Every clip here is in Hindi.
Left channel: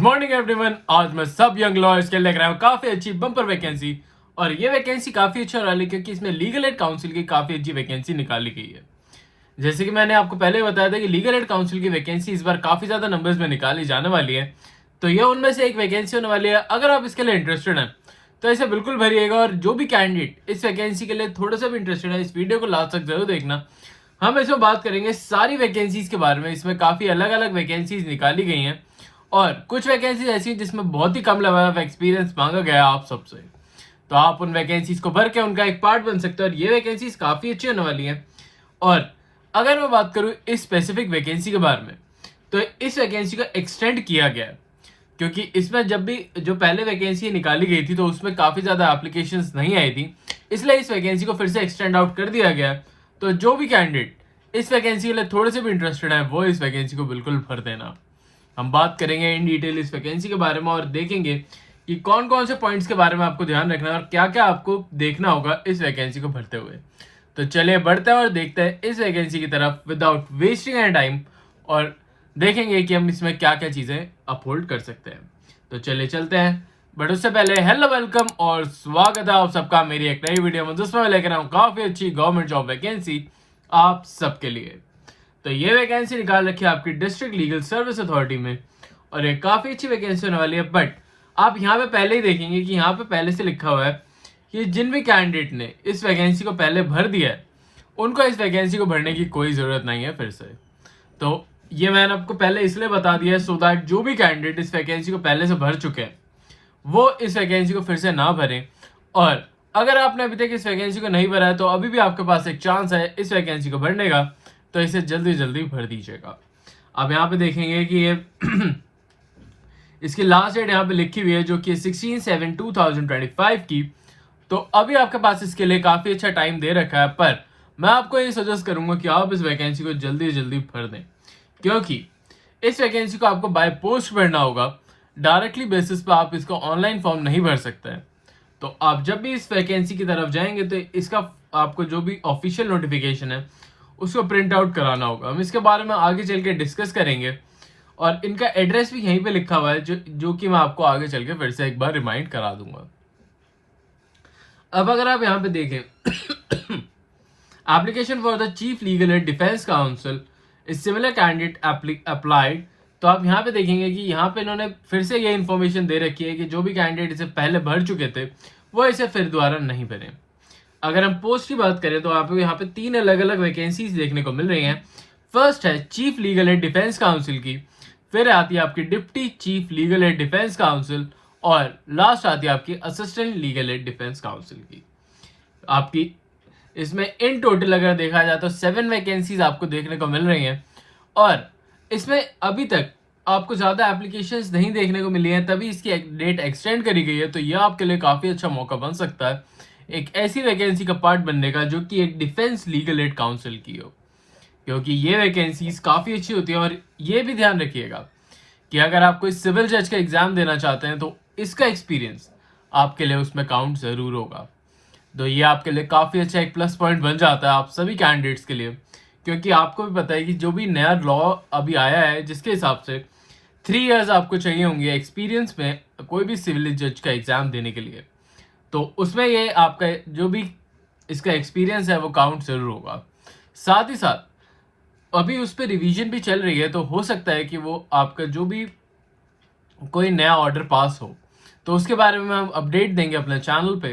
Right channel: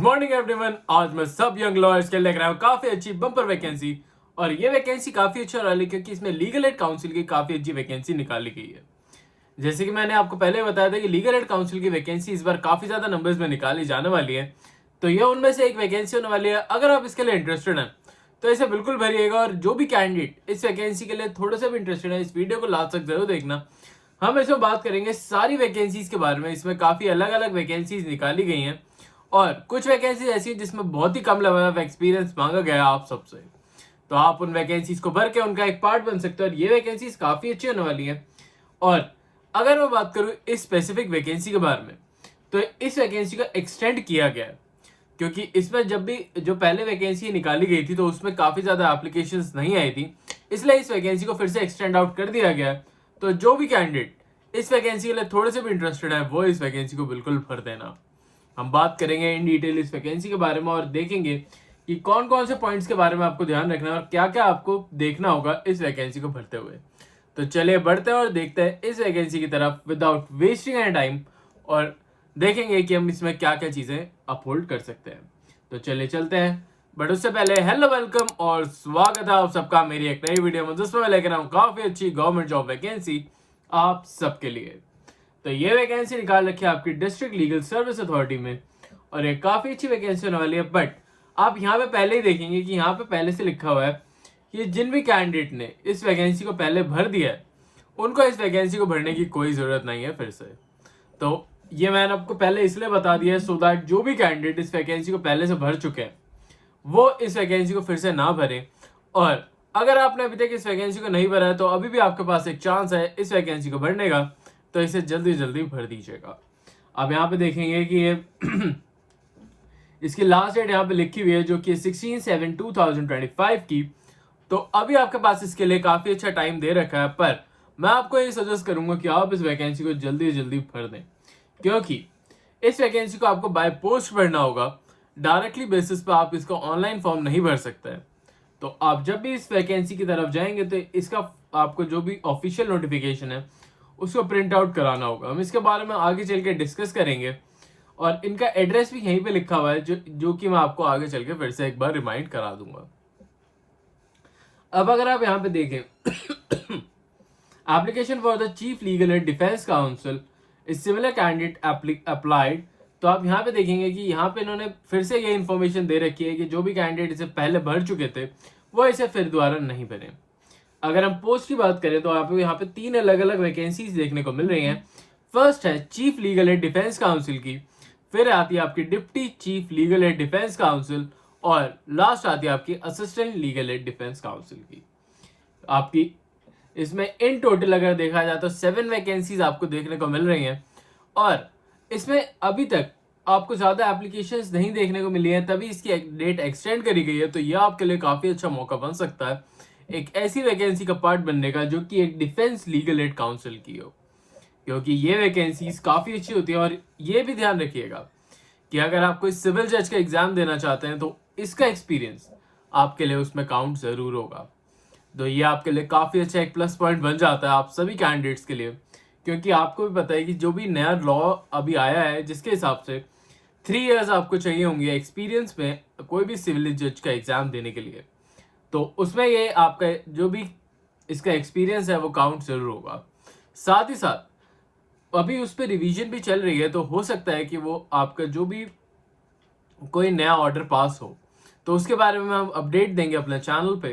Morning everyone. आज मैं सब यंग लॉयर्स के लेकर आया हूँ काफी अच्छी बम्पर वैकेंसी। और ये वैकेंसी काफी अच्छा रहा है क्योंकि इसमें लीगल एड काउंसिल की काफी अच्छी वैकेंसी निकाली गई है। जैसे कि मैंने आपको पहले बताया था कि लीगल एड काउंसिल की वैकेंसी इस बार काफी ज्यादा नंबर्स में निकाली जाने वाली है। तो ये उनमें से एक वैकेंसी होने वाली है। अगर आप इसके लिए इंटरेस्टेड हैं तो इसे बिल्कुल भरिएगा। और जो भी कैंडिडेट इस वैकेंसी के लिए थोड़ा सा भी इंटरेस्टेड है, इस वीडियो को लास्ट तक जरूर देखना। हम इसमें बात करेंगे सारी वैकेंसीज के बारे में। इसमें काफी अलग अलग वैकेंसीज निकाली गई हैं और कुछ वैकेंसी ऐसी जिसमें बहुत ही कम लेवल ऑफ एक्सपीरियंस मांगा गया आप सबसे। तो आप उन वैकेंसीज को भर के उनका एक पार्ट बन सकते हो और ये वैकेंसीज काफी अच्छी होने वाली है। और अगर मैं बात करूं इस स्पेसिफिक वैकेंसी के बारे में, तो इस वैकेंसी को एक्सटेंड किया गया है क्योंकि इसमें जब भी जो पहले वैकेंसी निकाली गई थी तो उसमें काफी ज्यादा एप्लीकेशंस नहीं आई थी, इसलिए इस वैकेंसी को फिर से एक्सटेंड आउट कर दिया गया। तो जो भी कैंडिडेट इस वैकेंसी के लिए थोड़े से भी इंटरेस्टेड है वो इस वैकेंसी को बिल्कुल भर देना। हम बात करेंगे इन डिटेल इस वैकेंसी के बारे में और देखेंगे कि कौन कौन से पॉइंट्स के बारे में आपको ध्यान रखना है और क्या क्या आपको देखना होगा इस वैकेंसी को भरते हुए। तो चलिए बढ़ते हैं और देखते हैं इस वैकेंसी की तरफ विदाउट वेस्टिंग एनी टाइम और देखेंगे कि हम इसमें क्या क्या चीजें अपहोल्ड कर सकते हैं। तो चलिए चलते हैं। बट उससे पहले हेलो वेलकम और स्वागत है आप सबका मेरी एक नई वीडियो में, जिसमें मैं लेकर आऊँ काफी अच्छी गवर्नमेंट जॉब वैकेंसी आप सबके लिए। तो ये वैकेंसी निकाल रखी है आपकी डिस्ट्रिक्ट लीगल सर्विस अथॉरिटी में और ये काफी अच्छी वैकेंसी होने वाली है। बट आप यहाँ पे पहले ही देखेंगे कि यहाँ पे पहले से लिखा हुआ है कि जिन भी कैंडिडेट ने इस वैकेंसी को पहले भर दिया है उनको इस वैकेंसी को भरने की कोई जरूरत नहीं है फिर से। तो ये मैंने आपको पहले इसलिए बता दिया है सो दैट जो भी कैंडिडेट इस वैकेंसी को पहले से भर चुके हैं वो इस वैकेंसी को फिर से ना भरें। और अगर आपने अभी तक इस वैकेंसी को नहीं भरा है तो अभी भी आपके पास एक चांस है इस वैकेंसी को भरने का, तो इसे जल्दी जल्दी भर दीजिएगा। अब यहाँ पे देखेंगे कि ये इसकी लास्ट डेट यहाँ पे लिखी हुई है जो कि 16/7/2025 की। तो अभी आपके पास इसके लिए काफी अच्छा टाइम दे रखा है, पर मैं आपको ये सजेस्ट करूंगा कि आप इस वैकेंसी को जल्दी जल्दी भर दें क्योंकि इस वैकेंसी को आपको बाय पोस्ट भरना होगा। डायरेक्टली बेसिस पे आप इसको ऑनलाइन फॉर्म नहीं भर सकते हैं। तो आप जब भी इस वैकेंसी की तरफ जाएंगे तो इसका आपको जो भी ऑफिशियल नोटिफिकेशन है उसको प्रिंट आउट कराना होगा। हम इसके बारे में आगे चल के डिस्कस करेंगे और इनका एड्रेस भी यहीं पे लिखा हुआ है जो कि मैं आपको आगे चल के फिर से एक बार रिमाइंड करा दूंगा। अब अगर आप यहाँ पे देखें application for the chief legal aid defence council is similar candidate applied. तो आप यहाँ पे देखेंगे कि यहाँ पे इन्होंने फिर से ये इन्फॉर्मेशन दे रखी है कि जो भी कैंडिडेट इसे पहले भर चुके थे वो इसे फिर दोबारा नहीं भरें। अगर हम पोस्ट की बात करें तो आपको यहाँ पे 3 अलग अलग वैकेंसीज देखने को मिल रही हैं। फर्स्ट है chief legal aid defence counsel की, फिर आती है आपकी deputy chief legal aid defence council और लास्ट आती है आपकी assistant legal aid defence counsel की। आपकी इसमें इन टोटल अगर देखा जाए तो 7 वैकेंसीज आपको देखने को मिल रही हैं और इसमें अभी तक आपको ज्यादा एप्लीकेशंस नहीं देखने को मिली है, तभी इसकी डेट एक्सटेंड करी गई है। तो यह आपके लिए काफी अच्छा मौका बन सकता है एक ऐसी वैकेंसी का पार्ट बनने का जो कि एक डिफेंस लीगल एड काउंसिल की हो, क्योंकि ये वैकेंसीज काफी अच्छी होती है। और ये भी ध्यान रखिएगा कि अगर आप कोई सिविल जज का एग्जाम देना चाहते हैं तो इसका एक्सपीरियंस आपके लिए उसमें काउंट जरूर होगा। तो ये आपके लिए काफी अच्छा एक प्लस पॉइंट बन जाता है आप सभी कैंडिडेट्स के लिए, क्योंकि आपको भी पता है कि जो भी नया लॉ अभी आया है जिसके हिसाब से 3 इयर्स आपको चाहिए होंगे एक्सपीरियंस में कोई भी सिविल जज का एग्जाम देने के लिए। तो उसमें ये आपका जो भी इसका एक्सपीरियंस है वो काउंट जरूर होगा। साथ ही साथ अभी उस पर रिवीजन भी चल रही है, तो हो सकता है कि वो आपका जो भी कोई नया ऑर्डर पास हो तो उसके बारे में हम अपडेट देंगे अपने चैनल पे,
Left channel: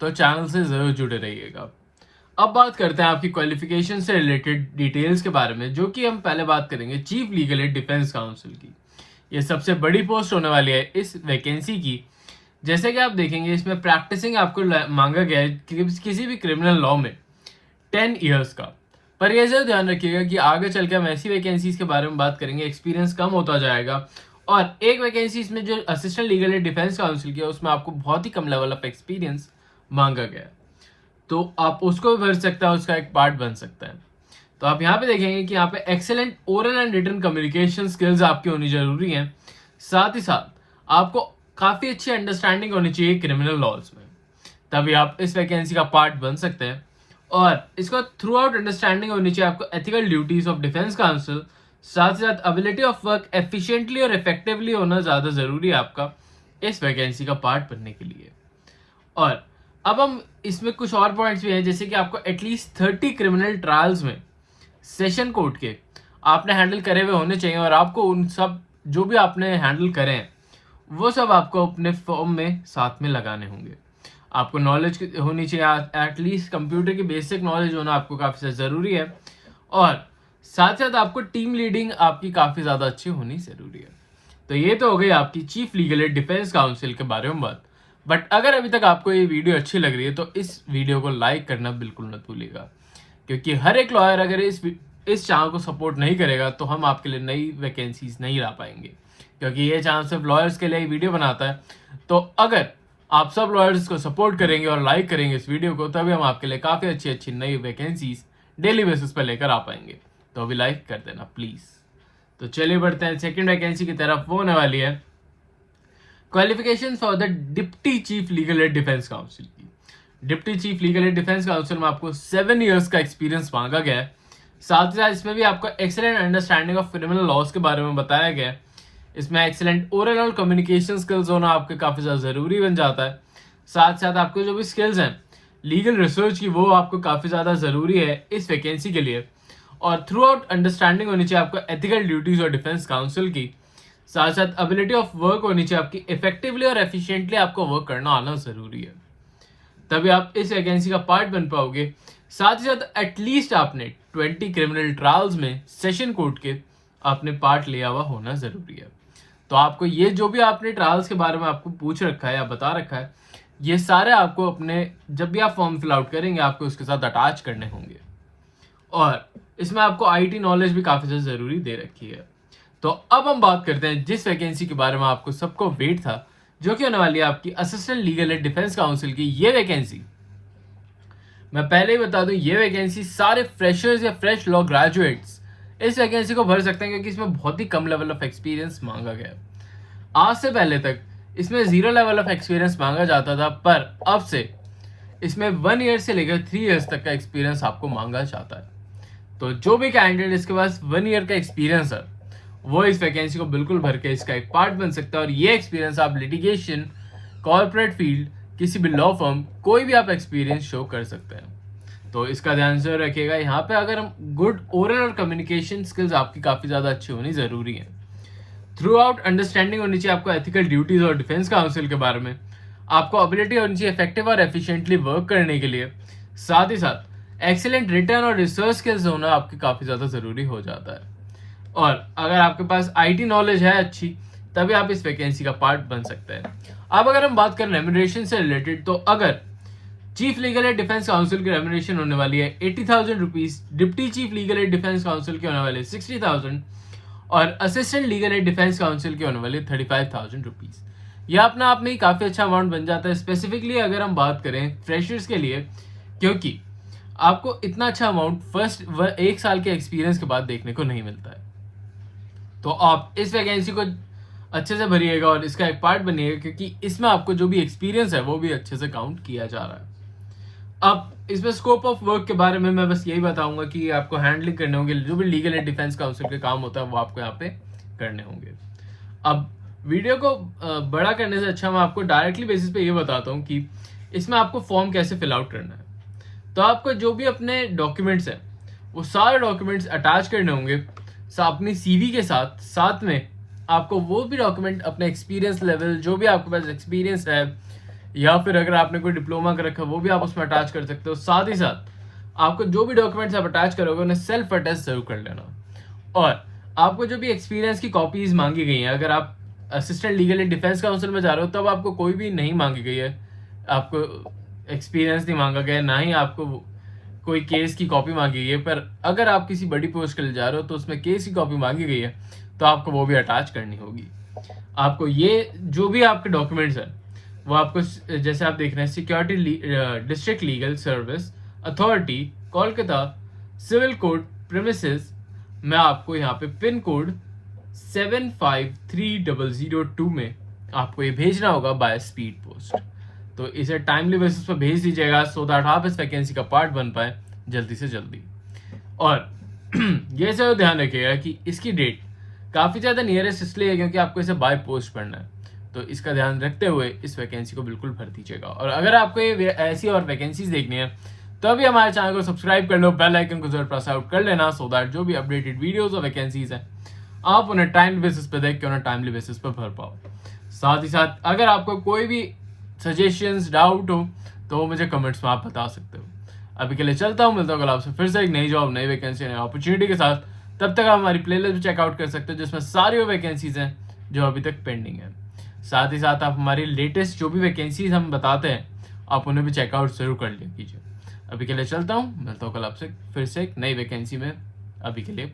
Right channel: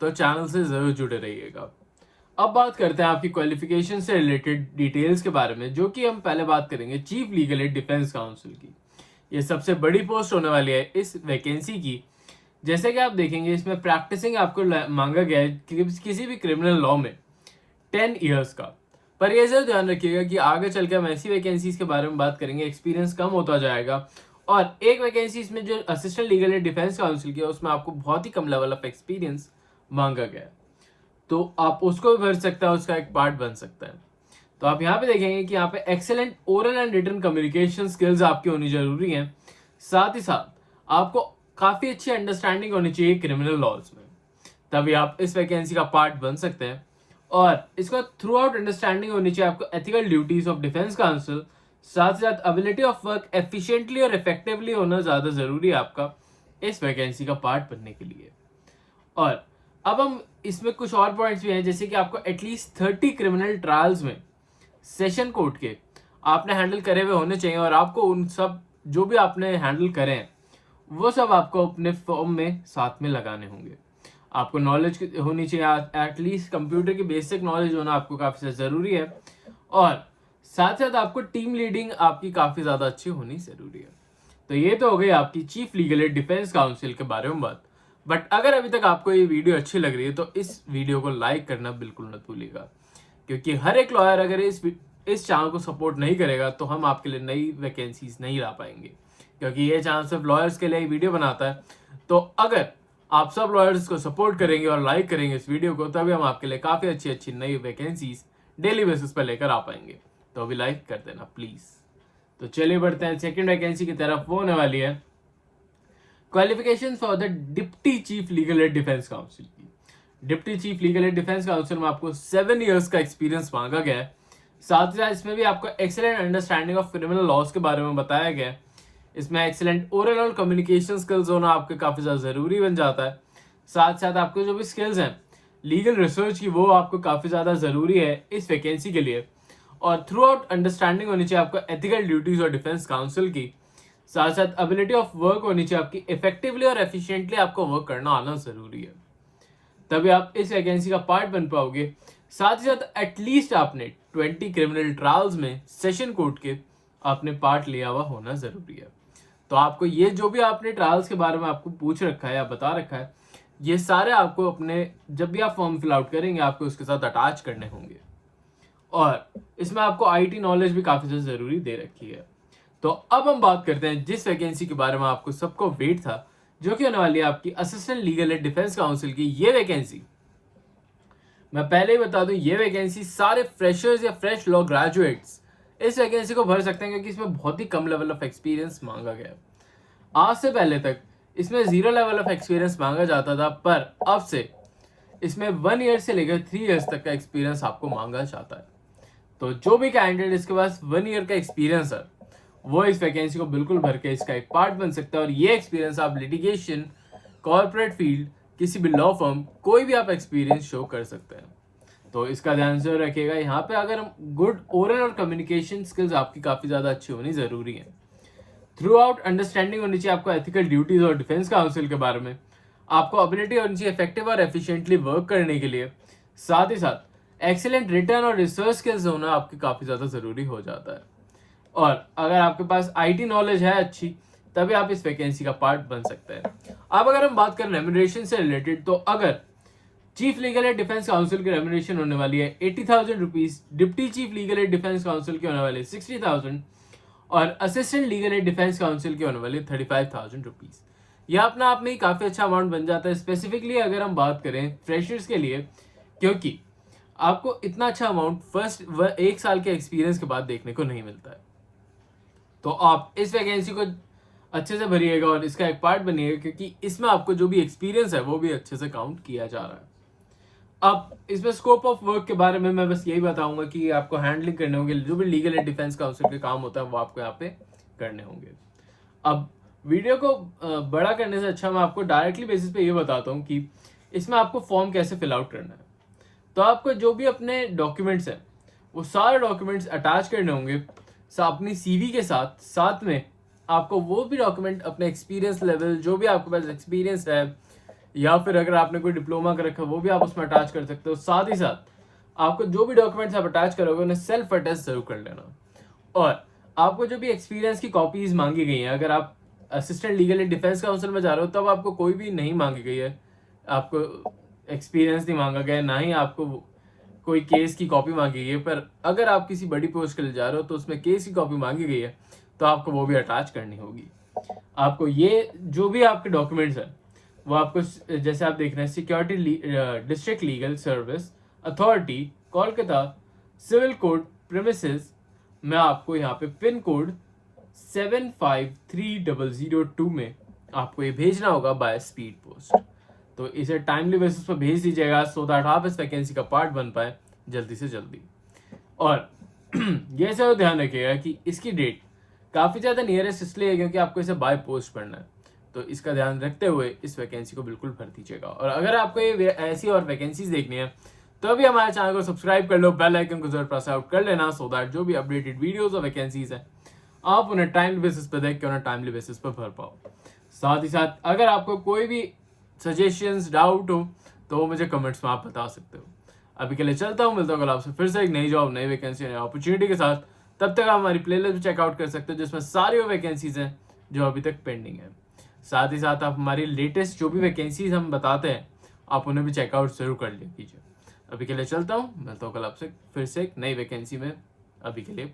तो चैनल से जरूर जुड़े रहिएगा। अब बात करते हैं आपकी क्वालिफिकेशन से रिलेटेड डिटेल्स के बारे में, जो कि हम पहले बात करेंगे chief legal aid defence counsel की। ये सबसे बड़ी पोस्ट होने वाली है इस वैकेंसी की। जैसे कि आप देखेंगे इसमें प्रैक्टिसिंग आपको मांगा गया है किसी भी क्रिमिनल लॉ में 10 इयर्स का। पर यह जरूर ध्यान रखिएगा कि आगे चल के हम ऐसी वैकेंसीज के बारे में बात करेंगे एक्सपीरियंस कम होता जाएगा। और एक वैकेंसी इसमें जो assistant legal aid defence counsel की है उसमें आपको बहुत ही कम लेवल ऑफ एक्सपीरियंस मांगा गया है, तो आप उसको भी भर सकते हैं, उसका एक पार्ट बन सकता है। तो आप यहाँ पे देखेंगे कि यहाँ पे excellent oral and written communication skills आपकी होनी जरूरी है। साथ ही साथ आपको काफी अच्छी अंडरस्टैंडिंग होनी चाहिए क्रिमिनल लॉज में, तभी आप इस वैकेंसी का पार्ट बन सकते हैं। और इसका थ्रू आउट अंडरस्टैंडिंग होनी चाहिए आपको ethical duties of defence council, साथ ही साथ एबिलिटी ऑफ वर्क एफिशिएंटली और इफेक्टिवली होना ज्यादा जरूरी है आपका इस वैकेंसी का पार्ट बनने के लिए। और अब हम इसमें कुछ और पॉइंट्स भी हैं, जैसे कि आपको एटलीस्ट 30 क्रिमिनल ट्रायल्स में सेशन कोर्ट के आपने हैंडल करे हुए होने चाहिए, और आपको उन सब जो भी आपने हैंडल करे हैं वो सब आपको अपने फॉर्म में साथ में लगाने होंगे। आपको नॉलेज होनी चाहिए, एटलीस्ट कंप्यूटर की बेसिक नॉलेज होना आपको काफ़ी ज़्यादा ज़रूरी है, और साथ साथ आपको टीम लीडिंग आपकी काफ़ी ज़्यादा अच्छी होनी ज़रूरी है। तो ये तो हो गई आपकी chief legal aid defence council के बारे में बात। बट अगर अभी तक आपको ये वीडियो अच्छी लग रही है तो इस वीडियो को लाइक करना बिल्कुल मत भूलिएगा, क्योंकि हर एक लॉयर अगर इस चैनल को सपोर्ट नहीं करेगा तो हम आपके लिए नई वैकेंसीज नहीं ला पाएंगे, क्योंकि ये चैनल सिर्फ लॉयर्स के लिए वीडियो बनाता है। तो अगर आप सब लॉयर्स को सपोर्ट करेंगे और लाइक करेंगे इस वीडियो को, तभी हम आपके लिए काफ़ी अच्छी अच्छी नई वैकेंसीज डेली बेसिस पर लेकर आ पाएंगे। तो अभी लाइक कर देना प्लीज़। तो चलिए बढ़ते हैं सेकंड वैकेंसी की तरफ। वो होने वाली है qualification for the deputy chief legal aid defence counsel की। Deputy chief legal aid defence counsel में आपको 7 ईयर्स का एक्सपीरियंस मांगा गया है। साथ ही साथ इसमें भी आपको excellent understanding of criminal laws के बारे में बताया गया है। इसमें एक्सेलेंट ओरल और कम्युनिकेशन स्किल्स होना आपके काफ़ी ज़्यादा ज़रूरी बन जाता है। साथ साथ आपको जो भी स्किल्स हैं लीगल रिसर्च की, वो आपको काफ़ी ज़्यादा ज़रूरी है इस वैकेंसी के लिए। और थ्रू आउट अंडरस्टैंडिंग होनी चाहिए आपको एथिकल ड्यूटीज और डिफेंस काउंसिल की। साथ साथ एबिलिटी ऑफ वर्क होनी चाहिए आपकी, इफेक्टिवली और एफिशिएंटली आपको वर्क करना आना ज़रूरी है, तभी आप इस वैकेंसी का पार्ट बन पाओगे। साथ ही साथ एटलीस्ट आपने 20 क्रिमिनल ट्रायल्स में सेशन कोर्ट के आपने पार्ट लिया हुआ होना ज़रूरी है। तो आपको ये जो भी आपने ट्रायल्स के बारे में आपको पूछ रखा है या बता रखा है, ये सारे आपको अपने जब भी आप फॉर्म फिल आउट करेंगे आपको उसके साथ अटैच करने होंगे। और इसमें आपको आईटी नॉलेज भी काफ़ी ज़्यादा ज़रूरी दे रखी है। तो अब हम बात करते हैं जिस वैकेंसी के बारे में आपको सबको वेट था, जो कि होने वाली है आपकी assistant legal aid defence counsel की। ये वैकेंसी मैं पहले ही बता दूं, ये वैकेंसी सारे फ्रेशर्स या फ्रेश लॉ ग्रेजुएट्स इस वैकेंसी को भर सकते हैं, क्योंकि इसमें बहुत ही कम लेवल ऑफ एक्सपीरियंस मांगा गया है। आज से पहले तक इसमें 0 लेवल ऑफ एक्सपीरियंस मांगा जाता था, पर अब से इसमें 1 ईयर से लेकर 3 ईयर्स तक का एक्सपीरियंस आपको मांगा जाता है। तो जो भी कैंडिडेट इसके पास 1 ईयर का एक्सपीरियंस है वो इस वैकेंसी को बिल्कुल भर के इसका एक पार्ट बन सकता है। और ये एक्सपीरियंस आप लिटिगेशन, कॉर्पोरेट फील्ड, किसी भी लॉ फर्म, कोई भी आप एक्सपीरियंस शो कर सकते हैं। तो इसका ध्यान जरूर रखिएगा। यहाँ पे अगर हम गुड ओरल और कम्युनिकेशन स्किल्स आपकी काफ़ी ज़्यादा अच्छी होनी ज़रूरी है। थ्रू आउट अंडरस्टैंडिंग होनी चाहिए आपको एथिकल ड्यूटीज और डिफेंस काउंसिल के बारे में। आपको एबिलिटी होनी चाहिए इफेक्टिव और एफिशिएंटली वर्क करने के लिए। साथ ही साथ एक्सीलेंट रिटर्न और रिसर्च स्किल्स होना आपके काफ़ी ज़्यादा ज़रूरी हो जाता है। और अगर आपके पास आईटी नॉलेज है अच्छी, तभी आप इस वैकेंसी का पार्ट बन सकते हैं। अब अगर हम बात करें रेम्यूनरेशन से रिलेटेड, तो अगर chief legal aid defence counsel की रेम्यूनरेशन होने वाली है 80,000 rupees, deputy chief legal aid defence counsel की होने वाली है 60,000, और assistant legal aid defence counsel की होने वाली है 35,000 रुपीज। यह अपना आप में ही काफ़ी अच्छा अमाउंट बन जाता है, स्पेसिफिकली अगर हम बात करें फ्रेशर्स के लिए, क्योंकि आपको इतना अच्छा अमाउंट फर्स्ट 1 साल के एक्सपीरियंस के बाद देखने को नहीं मिलता है। तो आप इस वैकेंसी को अच्छे से भरिएगा और इसका एक पार्ट बनिएगा, क्योंकि इसमें आपको जो भी एक्सपीरियंस है वो भी अच्छे से काउंट किया जा रहा है। अब इसमें स्कोप ऑफ वर्क के बारे में मैं बस यही बताऊंगा कि आपको हैंडलिंग करने होंगे, जो भी लीगल एंड डिफेंस काउंसिल के काम होता है वो आपको यहाँ पे करने होंगे। अब वीडियो को बड़ा करने से अच्छा मैं आपको डायरेक्टली बेसिस पे ये बताता हूँ कि इसमें आपको फॉर्म कैसे फिल आउट करना है। तो आपको जो भी अपने डॉक्यूमेंट्स हैं वो सारे डॉक्यूमेंट्स अटैच करने होंगे अपनी सीवी के साथ। साथ में आपको वो भी डॉक्यूमेंट अपने एक्सपीरियंस लेवल, जो भी आपके पास एक्सपीरियंस है, या फिर अगर आपने कोई डिप्लोमा कर रखा वो भी आप उसमें अटैच कर सकते हो। साथ ही साथ आपको जो भी डॉक्यूमेंट्स आप अटैच करोगे उन्हें सेल्फ अटेस्ट जरूर कर लेना। और आपको जो भी एक्सपीरियंस की कॉपीज मांगी गई हैं, अगर आप assistant legal and defence counsel में जा रहे हो तब आपको कोई भी नहीं मांगी गई है, आपको एक्सपीरियंस नहीं मांगा गया, ना ही आपको कोई केस की कॉपी मांगी गई है। पर अगर आप किसी बड़ी पोस्ट के लिए जा रहे हो तो उसमें केस की कॉपी मांगी गई है तो आपको वो भी अटैच करनी होगी। आपको ये जो भी आपके डॉक्यूमेंट्स हैं वो आपको, जैसे आप देख रहे हैं, security district legal service authority Kolkata civil court premises में आपको यहाँ पे पिन कोड 753002 में आपको ये भेजना होगा बाय स्पीड पोस्ट। तो इसे टाइमली बेसिस पर भेज दीजिएगा, सो दैट आप इस वैकेंसी का पार्ट बन पाए जल्दी से जल्दी। और ये सब ध्यान रखिएगा कि इसकी डेट काफ़ी ज़्यादा नियरेस्ट इसलिए है क्योंकि आपको इसे बाय पोस्ट पढ़ना है। तो इसका ध्यान रखते हुए इस वैकेंसी को बिल्कुल भर दीजिएगा। और अगर आपको ये ऐसी और वैकेंसीज देखनी है तो अभी हमारे चैनल को सब्सक्राइब कर लो, बेल आइकन को जरूर प्रेस आउट कर लेना, सो दैट जो भी अपडेटेड वीडियोस और वैकेंसीज हैं आप उन्हें टाइमली बेसिस पे देख के उन्हें टाइमली बेसिस पे भर पाओ। साथ ही साथ अगर आपको कोई भी सजेशंस डाउट हो तो वो मुझे कमेंट्स में आप बता सकते हो। अभी के लिए चलता हूँ, मिलता हूँ कल आपसे फिर से एक नई जॉब, नई वैकेंसी, नई अपॉर्चुनिटी के साथ। तब तक आप हमारी प्लेलिस्ट भी चेकआउट कर सकते हो जिसमें सारी वो वैकेंसीज हैं जो अभी तक पेंडिंग है। साथ ही साथ आप हमारी लेटेस्ट जो भी वैकेंसीज हम बताते हैं आप उन्हें भी चेकआउट जरूर कर लीजिए। अभी के लिए चलता हूँ, मिलता हूँ कल आपसे फिर से एक नई वैकेंसी में। अभी के लिए